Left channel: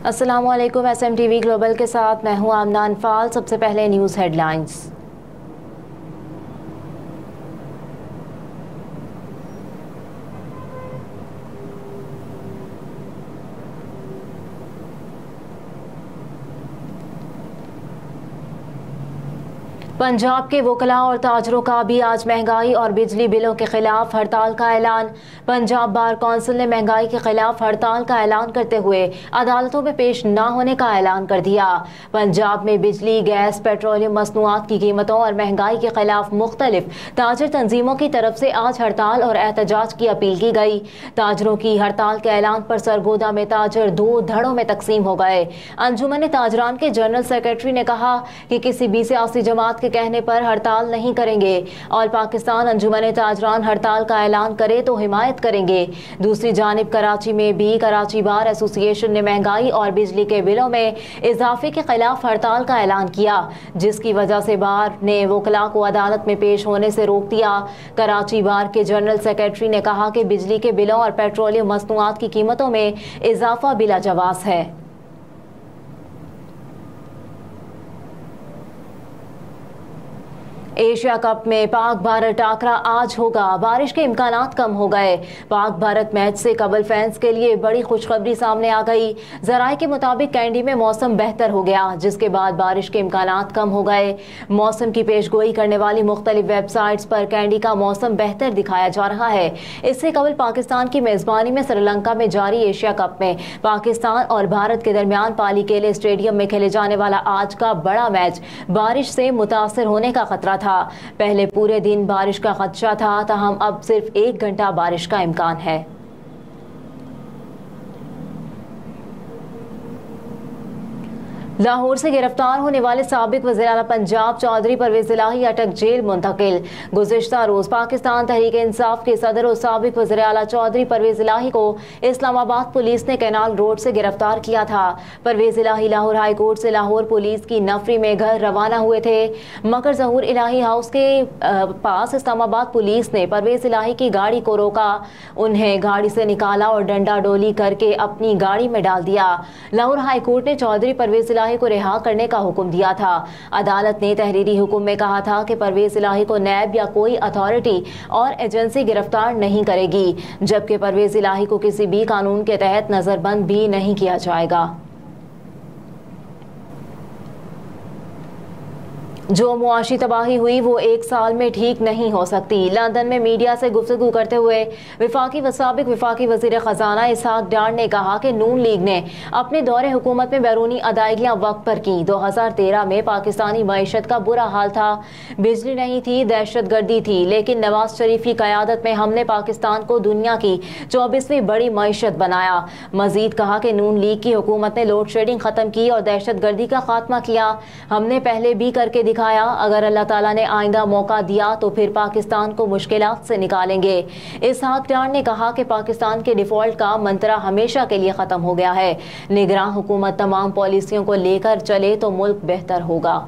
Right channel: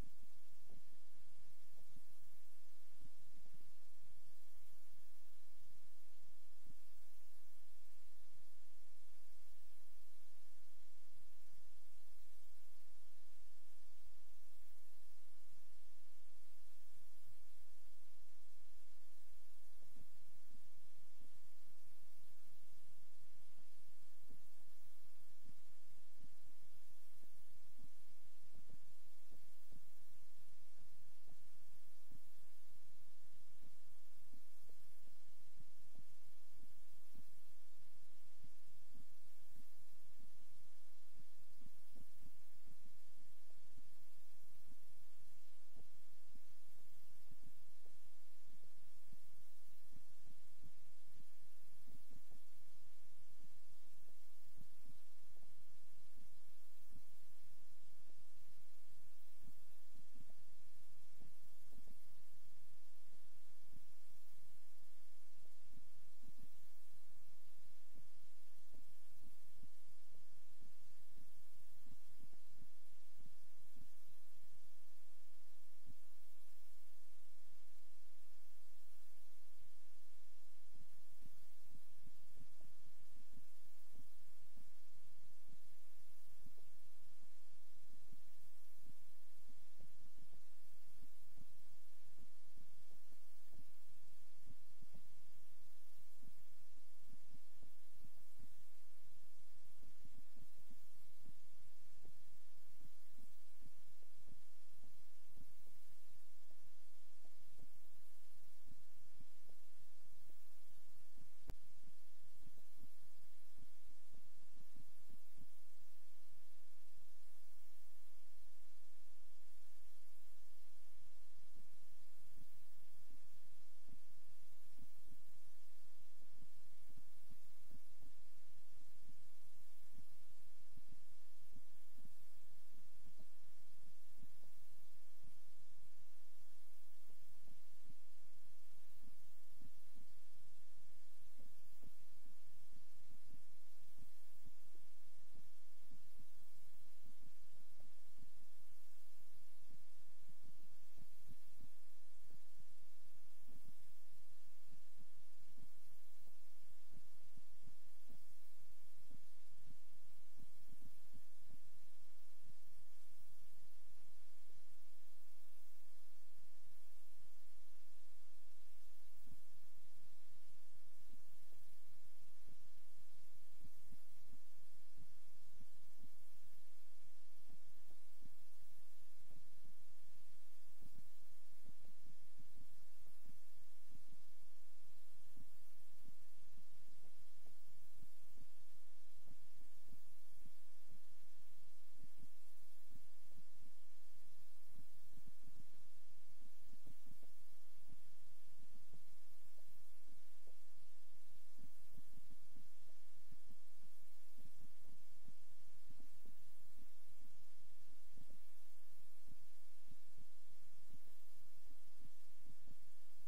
अस्सलामुअलैकुम। SMTV global के साथ मैं हूं आमना अनफाल। सबसे पहले न्यूज़ हेडलाइंस। पंजाब के वकला और ताजरों का भी आज महंगाई और बिजली बिलों के खिलाफ हड़ताल का ऐलान। पंजाब बार कौंसिल ने महंगाई के खिलाफ हड़ताल का ऐलान करते हुए अदालतों में पेश न होने का ऐलान कर दिया। पंजाब में बिजली, गैस, पेट्रोलियम मसनूआत की कीमतों और महंगाई के खिलाफ मुख्तलिफ ताजर तंजीमों की तरफ से आज हड़ताल और एहतजाज की अपील की गई। ताजरों की हड़ताल के ऐलान पर सरगोदा में ताजर दो धड़ों में तकसीम हो गए। अंजुमन ताजरान के जनरल सेक्रेटरी ने कहा कि किसी भी सियासी जमात के कहने पर हड़ताल नहीं करेंगे और पाकिस्तान अंजुमन ताजरान हड़ताल का ऐलान करे तो हिमायत करेंगे। दूसरी जानिब कराची में भी कराची बार एसोसिएशन ने महंगाई और बिजली के बिलों में इजाफे के खिलाफ हड़ताल का ऐलान किया, जिसकी वजह से बार ने वकला को अदालत में पेश होने से रोक दिया। कराची बार के जनरल सेक्रेटरी ने कहा कि बिजली के बिलों और पेट्रोलियम मसनूआत की कीमतों में इजाफा बिला जवाज है। एशिया कप में पाक भारत टाकरा आज होगा। बारिश के इम्कानात कम हो गए। पाक भारत मैच से कबल फैंस के लिए बड़ी खुशखबरी सामने आ गई। जराये के मुताबिक कैंडी में मौसम बेहतर हो गया, जिसके बाद बारिश के इम्कानात कम हो गए। मौसम की पेशगोई करने वाली मुख्तलिफ वेबसाइट्स पर कैंडी का मौसम बेहतर दिखाया जा रहा है। इससे कबल पाकिस्तान की मेजबानी में श्रीलंका में जारी एशिया कप में पाकिस्तान और भारत के दरमियान पालीकेले स्टेडियम में खेले जाने वाला आज का बड़ा मैच बारिश से मुतासर होने का खतरा था। पहले पूरे दिन बारिश का खदशा था, ताहम अब सिर्फ 1 घंटा बारिश का इम्कान है। लाहौर से गिरफ्तार होने वाले साबिक वज़ीर-ए-आला पंजाब चौधरी परवेज इलाही अटक जेल मुंतकिल। गुज़िश्ता रोज पाकिस्तान तहरीक इंसाफ के सदर और साबिक वज़ीर-ए-आला चौधरी परवेज इलाही को इस्लामाबाद पुलिस ने कैनाल रोड से गिरफ्तार किया था। परवेज इलाही लाहौर हाई कोर्ट से लाहौर पुलिस की नफरी में घर रवाना हुए थे, मगर ज़हूर इलाही हाउस के पास इस्लामाबाद पुलिस ने परवेज इलाही की गाड़ी को रोका, उन्हें गाड़ी से निकाला और डंडा डोली करके अपनी गाड़ी में डाल दिया। लाहौर हाई कोर्ट ने चौधरी परवेज इलाही को रिहा करने का हुक्म दिया था। अदालत ने तहरीरी हुक्म में कहा था कि परवेज इलाही को नैब या कोई अथॉरिटी और एजेंसी गिरफ्तार नहीं करेगी, जबकि परवेज इलाही को किसी भी कानून के तहत नजरबंद भी नहीं किया जाएगा। जो मुआशी तबाही हुई वो 1 साल में ठीक नहीं हो सकती। लंदन में मीडिया से गुफ्तगू करते हुए विफाकी व साबिक विफाकी वजीर खजाना इसहाक डार ने कहा कि नून लीग ने अपने दौरे हुकूमत में बैरूनी अदायगियां वक्त पर की। 2013 में पाकिस्तानी मईशत का बुरा हाल था, बिजली नहीं थी, दहशत गर्दी थी, लेकिन नवाज शरीफ की क़यादत में हमने पाकिस्तान को दुनिया की 24वीं बड़ी मईशत बनाया। मजीद कहा कि नून लीग की हुकूमत ने लोड शेडिंग ख़त्म की और दहशत गर्दी का खात्मा किया। हमने पहले भी करके अगर अल्लाह ताला ने आइंदा मौका दिया तो फिर पाकिस्तान को मुश्किलात से निकालेंगे। इसहाक डार ने कहा कि पाकिस्तान के डिफॉल्ट का मंत्रा हमेशा के लिए खत्म हो गया है। निगरान हुकूमत तमाम पॉलिसियों को लेकर चले तो मुल्क बेहतर होगा।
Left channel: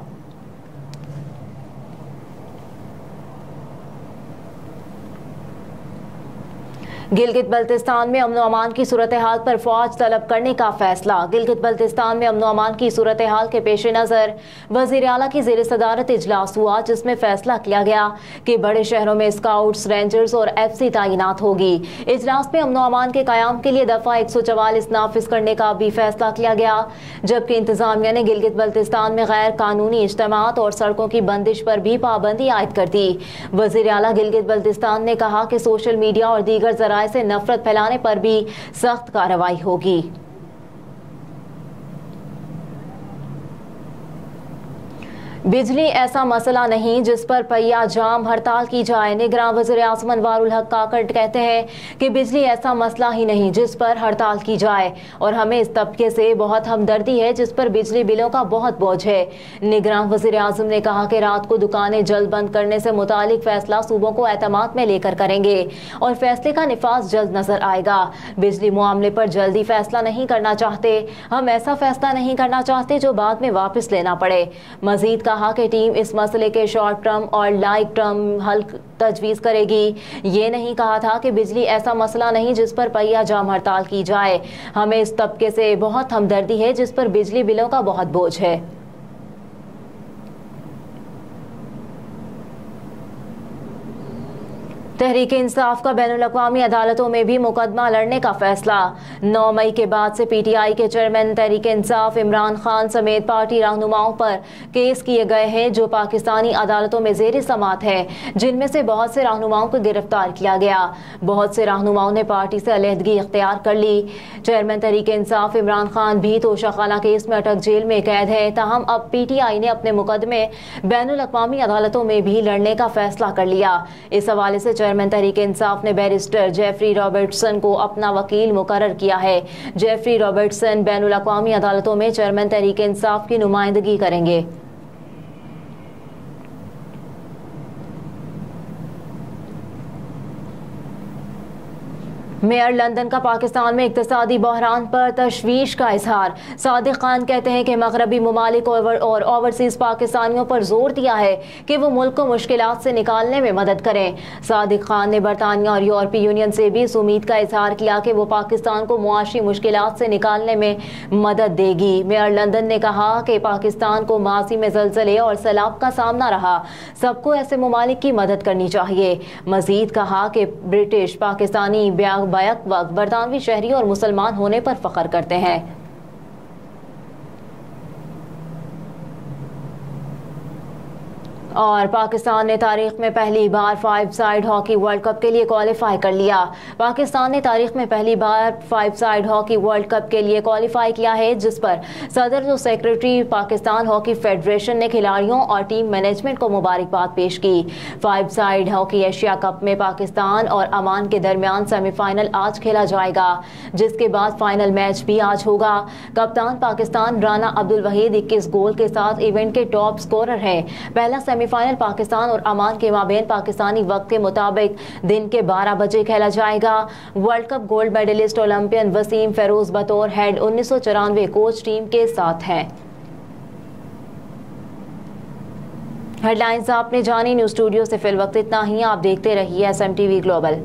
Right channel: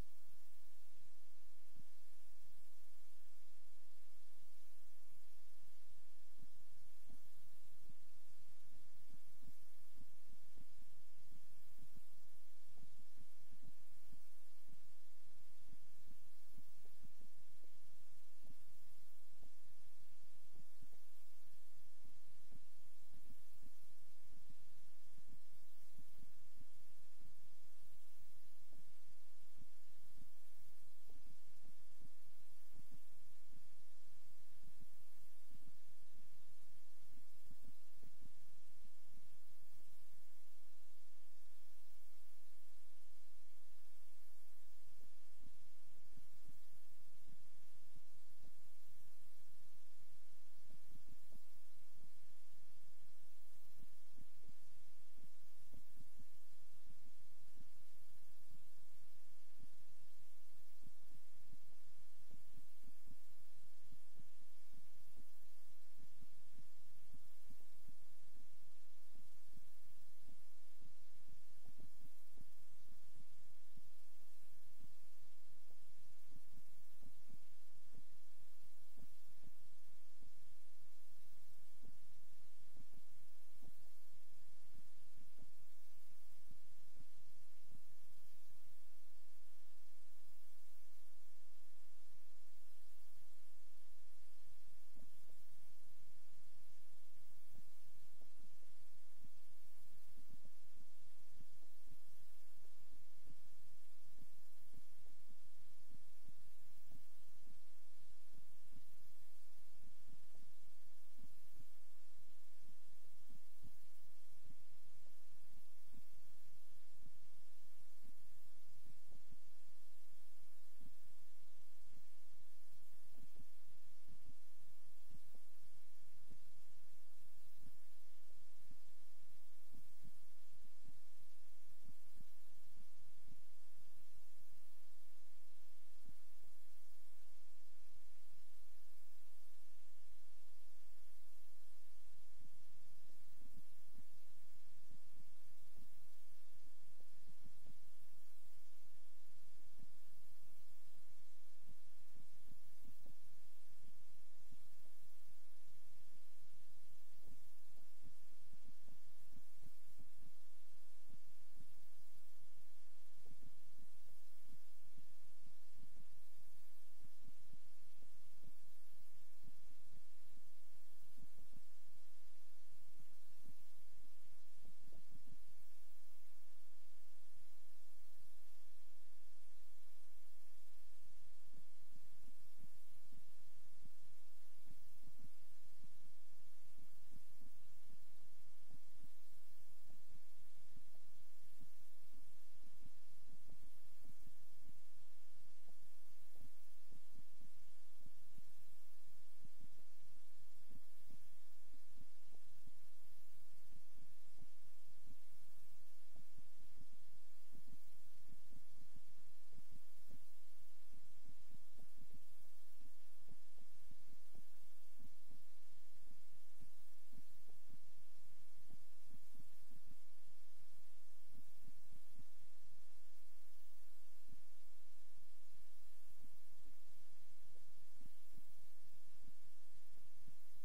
गिलगित बल्तिस्तान में अमन अमान की सूरत हाल पर फौज तलब करने का फैसला। गिलगित बल्तिस्तान में अमन अमान की सूरत हाल के पेश नज़र वज़ीर आला की ज़ेर सदारत इजलास हुआ, जिसमें फैसला किया गया कि बड़े शहरों में स्काउट्स, रेंजर्स और FC तैनात होगी। इजलास में अमन अमान के क़याम के लिए दफ़ा 144 नाफिज करने का भी फैसला किया गया, जबकि इंतजामिया ने गिलगित बल्तिस्तान में गैर कानूनी इज्तिमात और सड़कों की बंदिश पर भी पाबंदी आयद कर दी। वज़ीर आला गिलगित बल्तिस्तान ने कहा कि सोशल मीडिया और दीगर ज़राए से नफरत फैलाने पर भी सख्त कार्रवाई होगी। बिजली ऐसा मसला नहीं जिस पर पहिया जाम हड़ताल की जाए। निगरान वज़ीर आज़म अनवारुल हक काकड़ कहते हैं कि बिजली ऐसा मसला ही नहीं जिस पर हड़ताल की जाए और हमें इस तबके से बहुत हमदर्दी है जिस पर बिजली बिलों का बहुत बोझ है। निगरान वज़ीर आज़म ने कहा कि रात को दुकानें जल्द बंद करने से मुतालिक फैसला सूबों को एतमाद में लेकर करेंगे और फैसले का निफाज जल्द नजर आएगा। बिजली मामले पर जल्दी फैसला नहीं करना चाहते, हम ऐसा फैसला नहीं करना चाहते जो बाद में वापस लेना पड़े। मजीद कहा कि टीम इस मसले के शॉर्ट टर्म और लॉन्ग टर्म हल तजवीज़ करेगी। ये नहीं कहा था कि बिजली ऐसा मसला नहीं जिस पर पहिया जाम हड़ताल की जाए। हमें इस तबके से बहुत हमदर्दी है जिस पर बिजली बिलों का बहुत बोझ है। तहरीक इंसाफ का बैनुल-अक़वामी अदालतों में भी मुकदमा लड़ने का फैसला। 9 मई के बाद से PTI के चेयरमैन तहरीक इंसाफ इमरान खान समेत पार्टी रहनुमाओं पर केस किए गए हैं जो पाकिस्तानी अदालतों में ज़ेर समात है, जिनमें से बहुत से रहनुमाओं को गिरफ्तार किया गया। बहुत से रहनुमाओं ने पार्टी से अलहदगी इख्तियार कर ली। चेयरमैन तहरीक इंसाफ इमरान खान भी तोशाखाना केस में अटक जेल में कैद है। ताहम अब PTI ने अपने मुकदमे बैनुल-अक़वामी अदालतों में भी लड़ने का फैसला कर लिया। इस हवाले से चेयरमैन तहरीक इंसाफ ने बैरिस्टर जेफरी रॉबर्टसन को अपना वकील मुकर्रर किया है। जेफरी रॉबर्टसन बैनुल-अक़वामी अदालतों में चेयरमैन तहरीक इंसाफ की नुमाइंदगी करेंगे। मेयर लंदन का पाकिस्तान में इक्तिसादी बहरान पर तशवीश का इजहार। सादिक खान कहते हैं कि मगरबी ममालिक और ओवरसीज पाकिस्तानियों पर जोर दिया है कि वो मुल्क को मुश्किलात से निकालने में मदद करें। सादिक खान ने बरतानिया और यूरोपीय यूनियन से भी इस उम्मीद का इजहार किया कि वो पाकिस्तान को मुआशी मुश्किलात से निकालने में मदद देगी। मेयर लंदन ने कहा कि पाकिस्तान को माजी में ज़लज़ले और सैलाब का सामना रहा, सबको ऐसे ममालिक की मदद करनी चाहिए। मजीद कहा कि ब्रिटिश पाकिस्तानी बैक वक्त बरतानवी शहरी और मुसलमान होने पर फख्र करते हैं। और पाकिस्तान ने तारीख में पहली बार 5 साइड हॉकी वर्ल्ड कप के लिए क्वालिफाई कर लिया। पाकिस्तान ने तारीख में पहली बार 5 साइड हॉकी वर्ल्ड कप के लिए क्वालिफाई किया है, जिस पर सदर और सेक्रेटरी पाकिस्तान हॉकी फेडरेशन ने खिलाड़ियों और टीम मैनेजमेंट को मुबारकबाद पेश की। 5 साइड हॉकी एशिया कप में पाकिस्तान और ओमान के दरमियान सेमीफाइनल आज खेला जाएगा, जिसके बाद फाइनल मैच भी आज होगा। कप्तान पाकिस्तान राना अब्दुल वहीद 21 गोल के साथ इवेंट के टॉप स्कोरर हैं। पहला सेमीफाइनल पाकिस्तान और ओमान के माबेन पाकिस्तानी वक्त के मुताबिक दिन के 12 बजे खेला जाएगा। World cup gold medallist Olympian Waseem Feroz बतौर हेड 1994 कोच टीम के साथ हैं। हेडलाइंस आपने जानी। न्यूज़ स्टूडियो से फिल वक्त इतना ही। आप देखते रहिए SMTV ग्लोबल।